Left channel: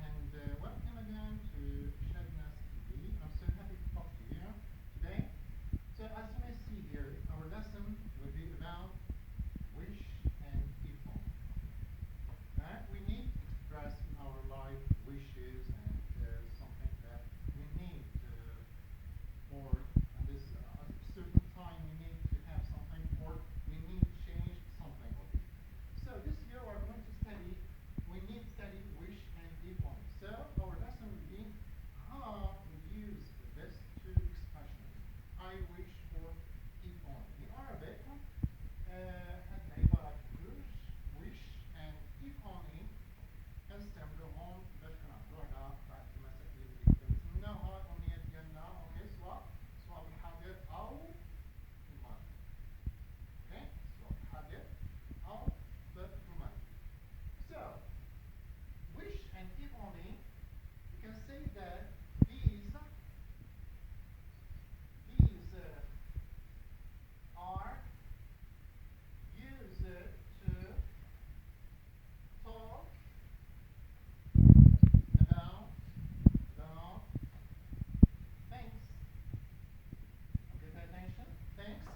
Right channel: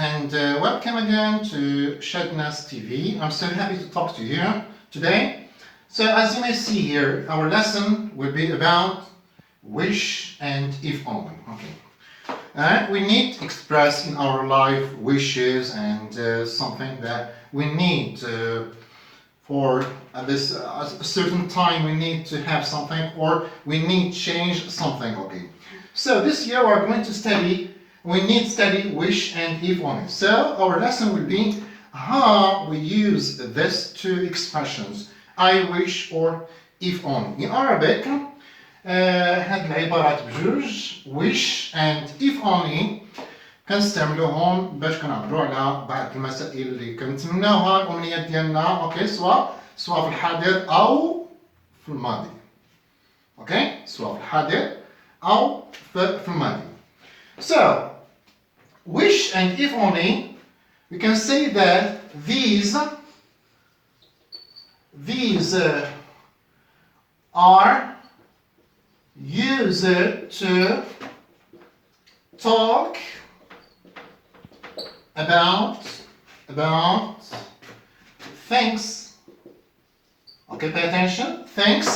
and welcome again to ChadNass TV. I'm so happy to talk to you today. So as you may see here, our lesson will be about wish and if only. Okay. We need to express in our life wishes and something that we need for this a certain time we need to have something or we need change something. Okay. So this year we are going to study. We need to study wish and if only. So our lesson will be how we use these two expressions, I wish or if only. In Arabic, هاد العبارات بجوج wish and if only كنستعملوهم باش كنعبروا على بعض المسائل اللي كنتمناوها الأمنيات ديالنا، اوكي، سواء في الحاضر أو في الماضي. اوكي، سواء في الحاضر أو في الماضي. So, wish and if only, we can say that these are used to talk about things. Okay, pay attention. Things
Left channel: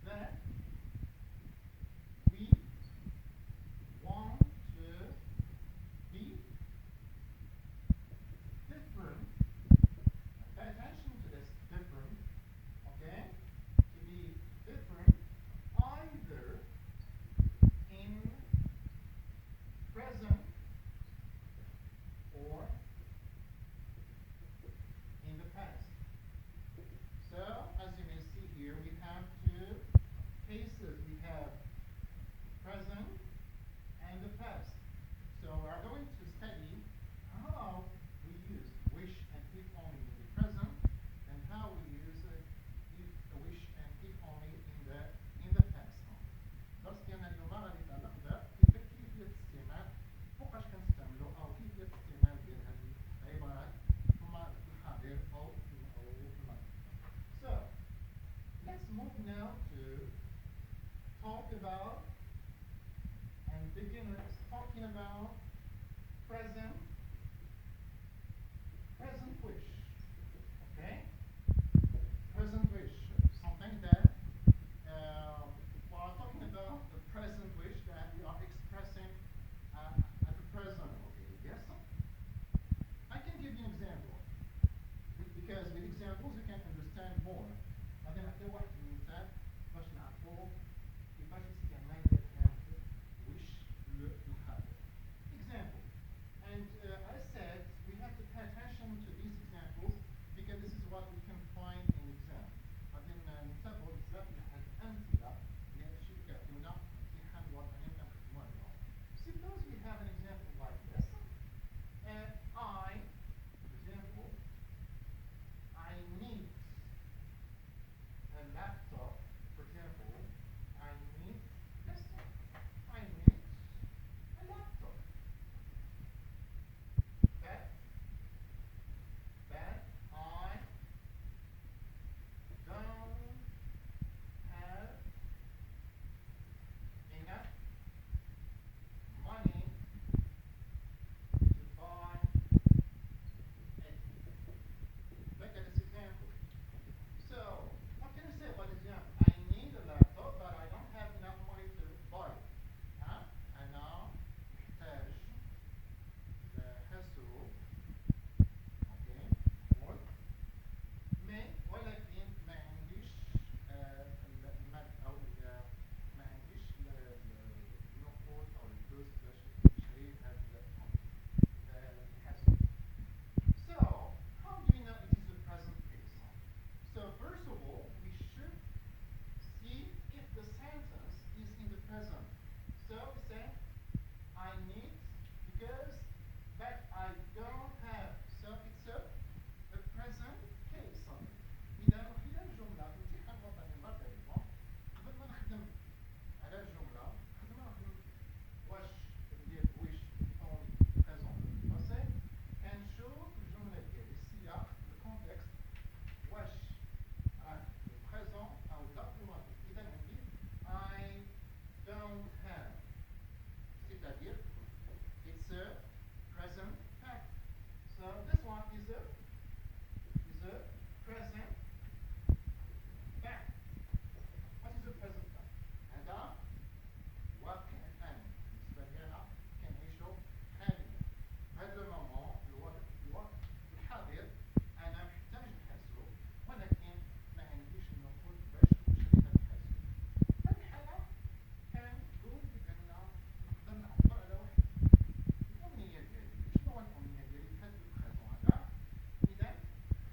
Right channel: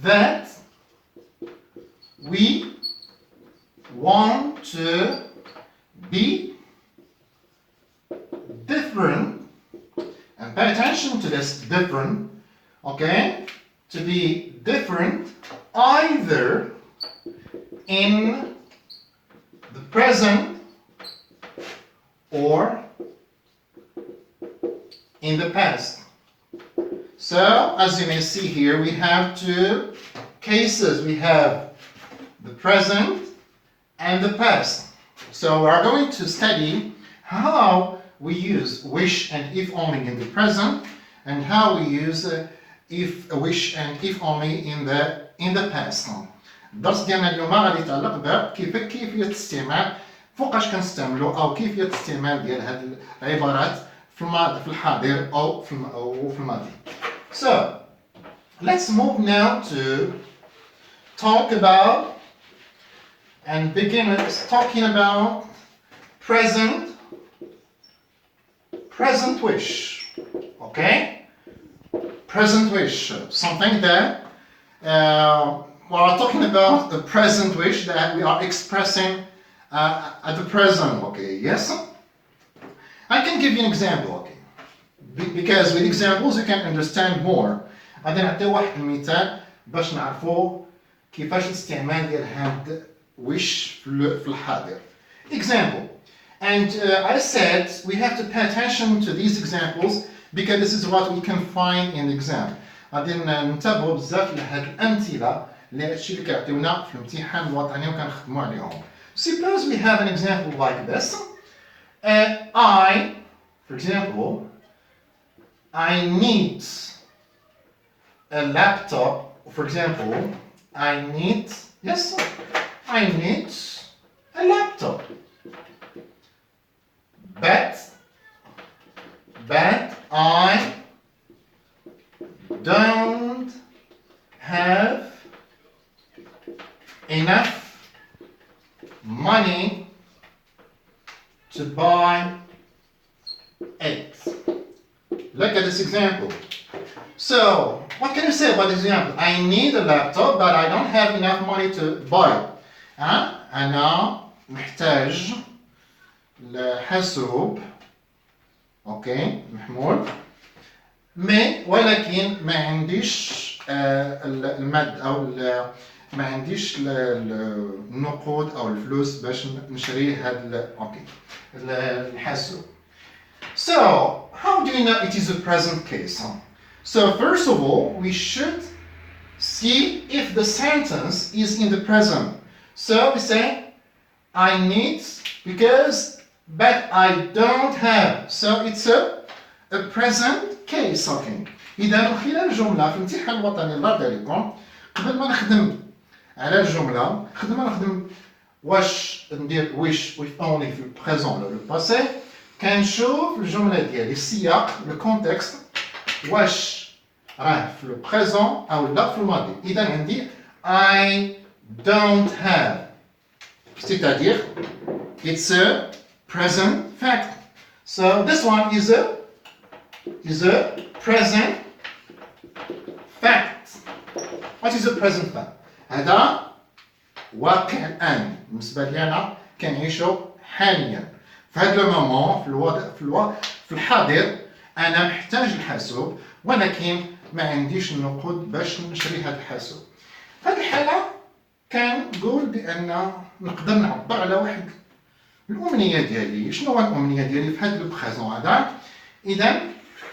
that we want to be different, and pay attention to this different, okay, to be different either in the present or in the past. So as you may see here, we have two cases. We have the present and the past. So we are going to study how we use wish and if only in the present and how we use if wish and if only in the past. الدرس ديالنا اليوم غادي يتعلق بكيفية الاستعمال، فوقاش كنستعملوا او كيفية الاستعمال ديال هذه العبارات في الحاضر او في الماضي. So let's move now to talk about and begin talking about present wish. Okay, present wish, something that we are talking about the present wish that we are expressing at the present. Okay, yes, I can give you an example. Okay, because with examples you can understand more. غادي نعطي واحد المثال باش نعرفوا كيفاش الاستعمال ديال هاد wish في الحاضر. Example, and I said we have to pay attention to these examples because this is what we can find in the exam. غادي ننتبهوا بزاف لهاد الأمثلة اللي هادشي اللي كيعطيونا في الامتحان الوطني وكنخدموا عليهم. Suppose we have an example like this. For example, I need a laptop. For example, I need a laptop, but I don't have enough money to buy it. Look at this example. So, what can you say about this example? I need a laptop, but I don't have enough money to buy it. أنا محتاج لحاسوب، أوكي، محمول، ولكن ما عنديش المادة أو ما عنديش النقود أو الفلوس باش نشري هذا الحاسوب. So, how do you know it is a present case? So, first of all, we should see if the sentence is in the present. So, we say, I need because, but I don't have. So, it's a present case. Okay. إذا من خلال الجملة في الامتحان الوطني الله يرضي عليكم، قبل ما نخدم على الجملة، قبل ما نخدم واش ندير wish with only في البريزون ولا الباسي، كنشوف الجملة ديالي السياق الكونتكست واش راه في البريزون أو لا في الماضي. إذا عندي I don't have, c'est-à-dire it's a present fact. So this one is a present fact. What is a present fact? هذا واقع الآن بالنسبة لي أنا كنعيشو حاليا في هذا المومون في الحاضر أنا محتاج الحاسوب ولكن ما عنديش النقود باش نشري هذا الحاسوب. في هذه الحالة كنقول بأن نقدر نعبر على واحد الأمنية ديالي. شنو هو الأمنية ديالي في هذا البريزون هذا؟ إذا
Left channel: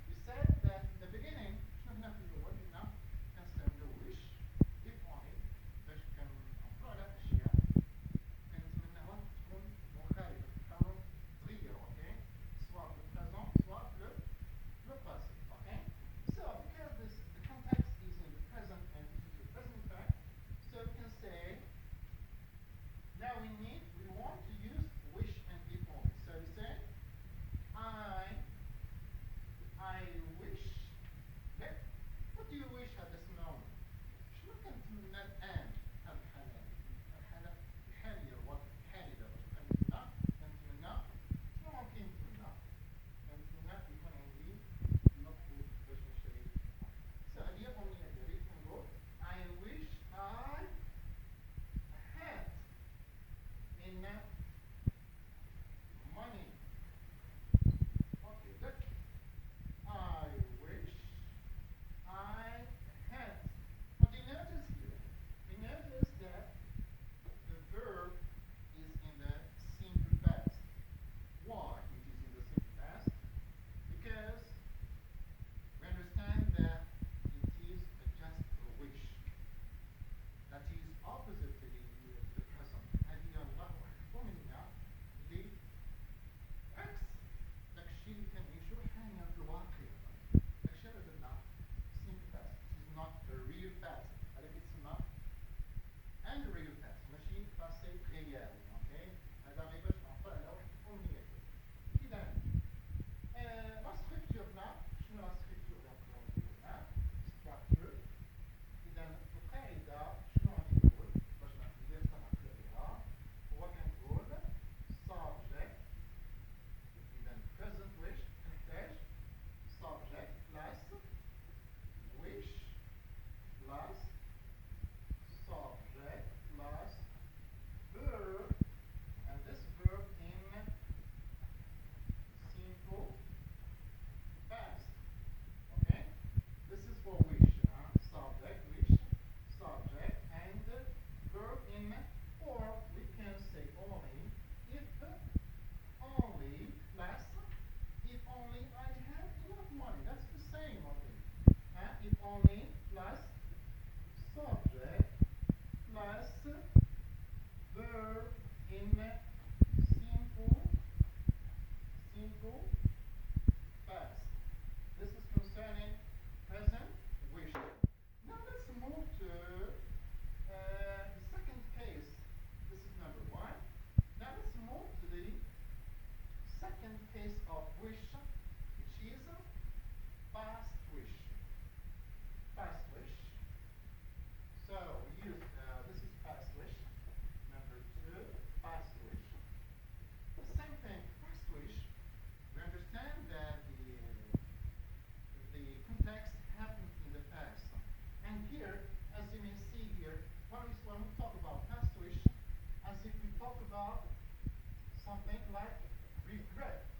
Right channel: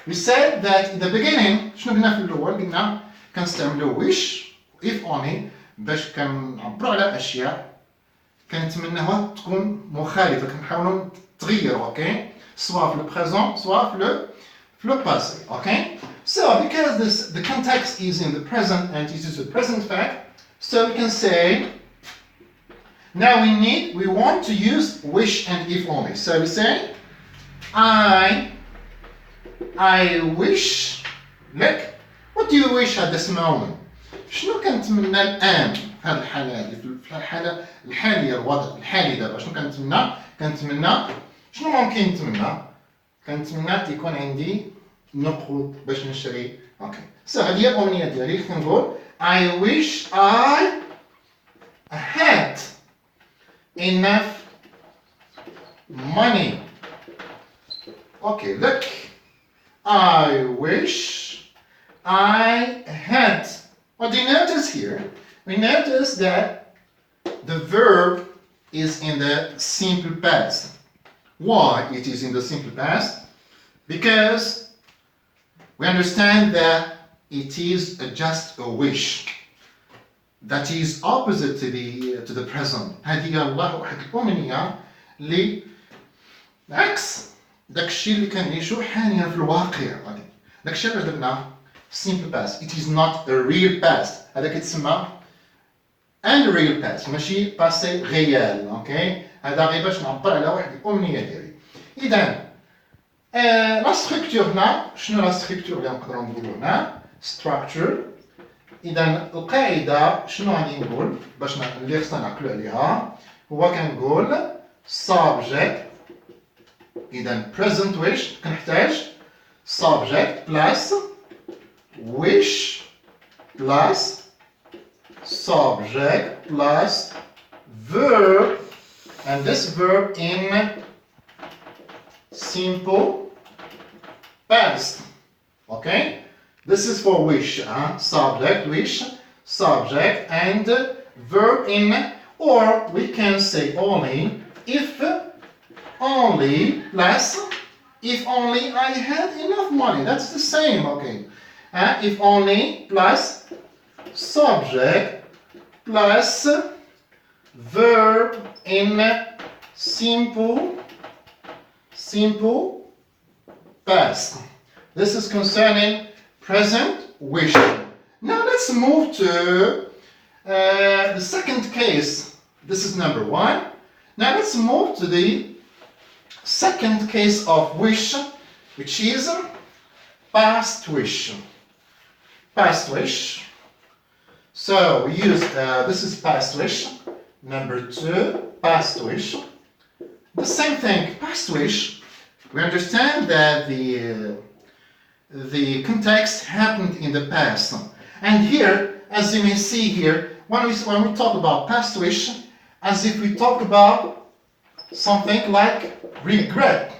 we said that in the beginning شنو قلنا في الأول؟ قلنا كنستعملو wish if only باش كنعبرو على أشياء كنتمناوها تكون مخالفة كنحاولو تغيرو أوكي سواء في البريزون سواء في لو باسي أوكي. So because the context is in the present and it is a present fact, so we can say now we want to use wish and if only. So we say I wish look what do you wish at this moment. شنو كنتمنى الآن في هذه الحالة هذه في الحالة الحالية الوضع الحالي دابا شنو كنتمنى شنو ممكن نتمنى كنتمنى يكون عندي نقود باش نشري اوكي. سو هذه هي الأمنية ديالي كنقول I wish I had enough money. Okay, look. I wish I had. What do you notice here? We notice that the verb is in the simple past. Why it is in the simple past? Because we understand that it is just a wish that is opposite to the present. هذه الله واحد الأمنية اللي عكس داكشي اللي كنعيشو حاليا في الواقع. داكشي اللي درنا simple past. It is not a real past. هذا كيتسمى unreal past ماشي باسي ريال اوكي. هذا غير باش نعبر على واحد الأمنية ديالي. إذا لا ستركتور هنا شنو لا ستركتور اللي نقدروا نقولوا هنا structure. إذا القاعدة شنو غادي نقول باش اللي خصنا نعقلوا عليها هو كنقول subject. إذا present wish كنحتاج subject plus wish plus subject plus verb and this verb in simple past. Okay, this is for wish, subject, wish, subject and verb in, or we can say only if only plus if only I had enough money. That's the same. Okay, if only plus subject plus verb in simple past. This is concerning present wish. Now let's move to the second case. This is number one. Now let's move to the second case of wish, which is past wish. Past wish. So we use this is past wish. Number two, past wish. The same thing, past wish. We understand that the context happened in the past. And here, as you may see here, when we talk about past wish, as if we talk about something like regret.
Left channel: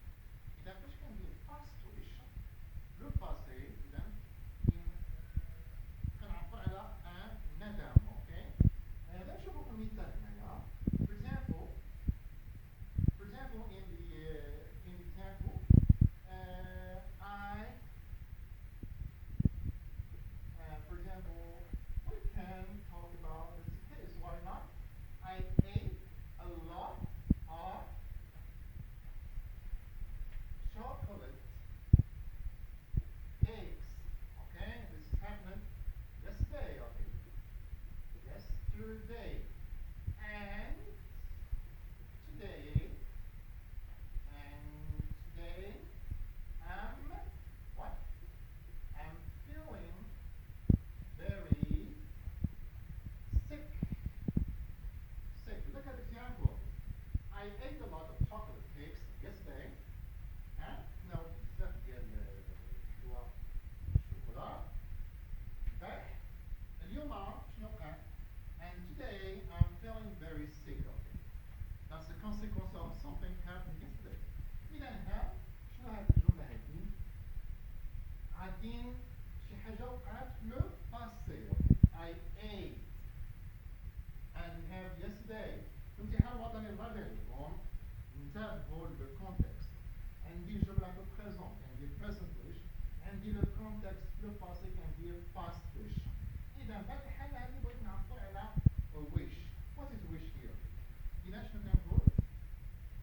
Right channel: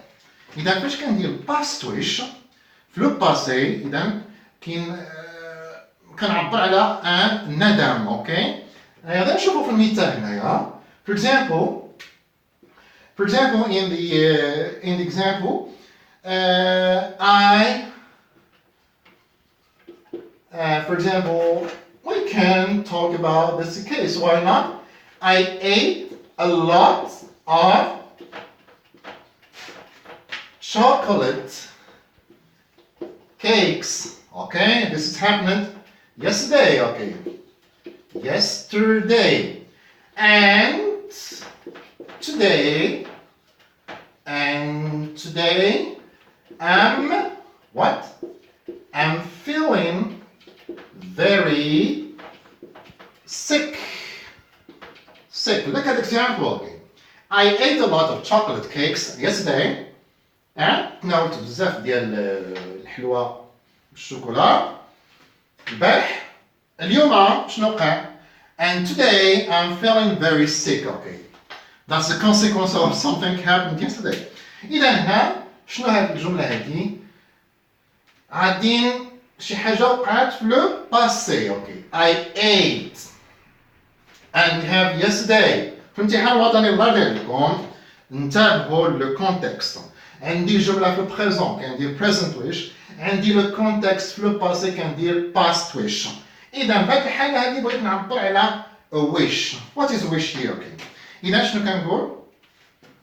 إذا فاش كندير past wish في لو باسي إذا كنعبر على ان ندم. اوكي هذا نشوفوا في المثال هنايا. For example in the example for example we can talk about this case. Why not? I ate a lot of chocolate cakes. Okay, this is happened yesterday. Okay, yesterday and today I'm feeling very sick. Look at the example. Okay. I ate a lot of chocolate cakes yesterday. تناولت بزاف ديال الحلوى بالشوكولا البارح. اليوم شنو وقع؟ And today I'm feeling very sick. Okay, that's the consequence of something happened yesterday. إذا هنا شنو هاد الجملة هادي؟ عادين شي حاجة وقعت في لو باسي. Okay, I ate and we have yesterday. في الامتحان الوطني الله يرضي عليكم انتبهوا للكونتكست. عندي جملة في البريزون كندير present wish، عندي لو كونتكست في لو باسي كندير past wish. إذا في هذه الحالة هذه بغيت نعبر على wish. What is wish here? Okay. إذا شنو كنقول؟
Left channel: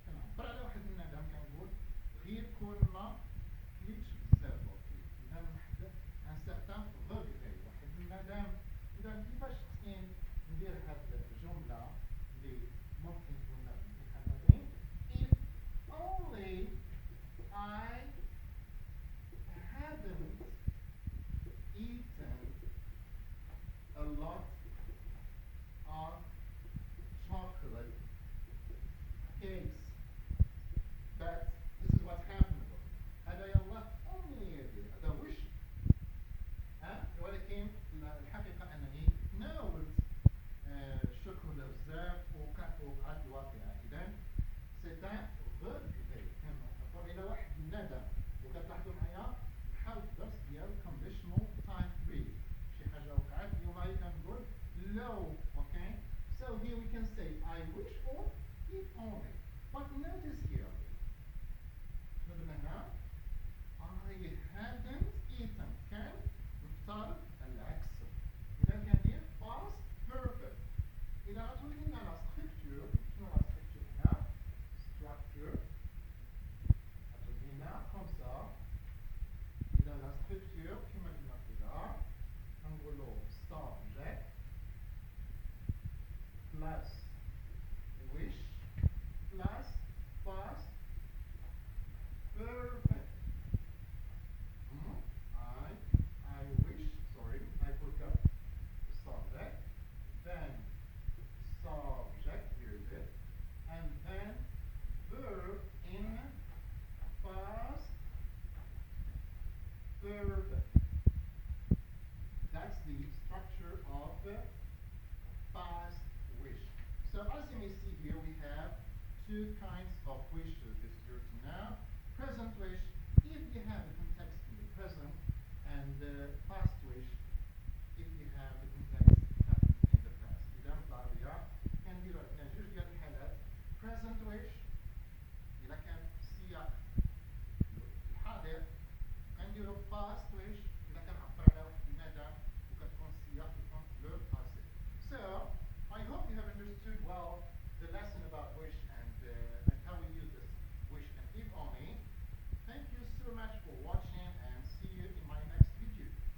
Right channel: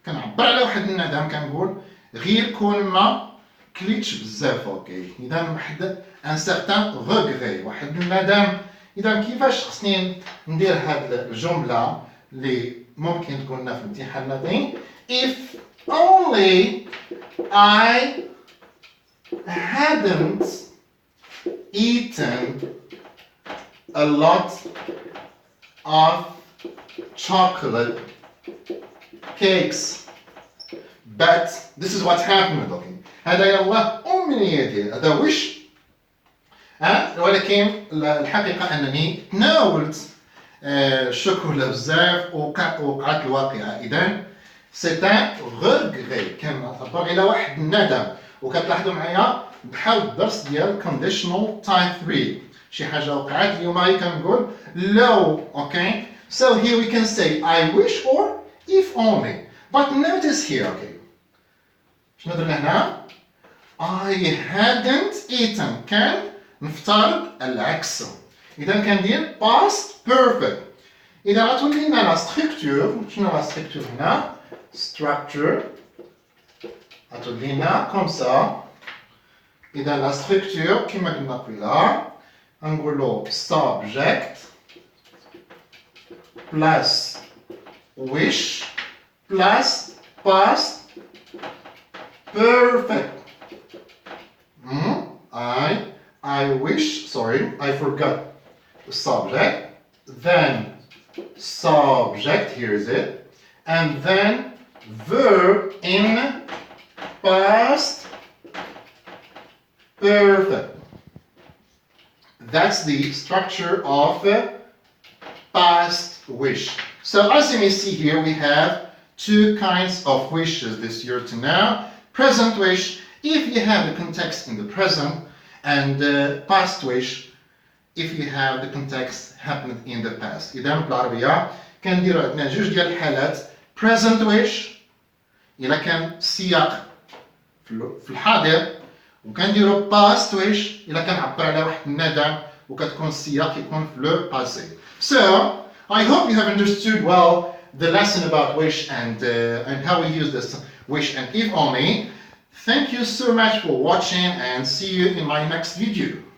كنعبر على واحد الندم كنقول غير كون ما كليتش بزاف. اوكي اذا واحد ان سيغتان روغري، واحد الندم. اذا كيفاش خصني ندير هاد الجمله اللي ممكن تكون لنا في الامتحان النظري؟ if only I hadn't eaten a lot of chocolate cakes. But this is what happened. Okay. هذا يلا أمنيتي، هذا وش. ولكن الحقيقة أنني تناولت الشوكولا بزاف وقعت الواقعة. إذا سيتان غوغري، كنعبر إلى واحد الندم. وكتلاحظوا معايا بحال الدرس ديال conditional type 3، شي حاجة وقعت اليوم كنقول لو. Okay. So here we can say I wish or if only. But notice here, okay. شنو درنا هنا؟ I hadn't eaten. كان نفترض العكس. إذا كندير past perfect. إذا غتولي لنا لا structure، شنو لا structure هنا؟ structure غتولي لنا comme ça. إذا لا structure كما قلنا قبيله غنقولو subject plus wish plus past perfect. I wish, sorry, I forgot the subject, then subject, here is it, and then verb in past perfect. That's the structure of past wish. So as you may see here, we have two kinds of wishes this year to now. Present wish, if you have the context in the present, and past wish, if you have the context happened in the past. إذا بالعربية كنديروا عندنا جوج ديال الحالات. present wish إلا كان السياق في الحاضر، وكنديروا past wish إلا كنعبر على واحد الندم وكتكون السياق يكون في le passé. So I hope you have understood well the lesson about wish and how we use this wish and if only. Thank you so much for watching and see you in my next video.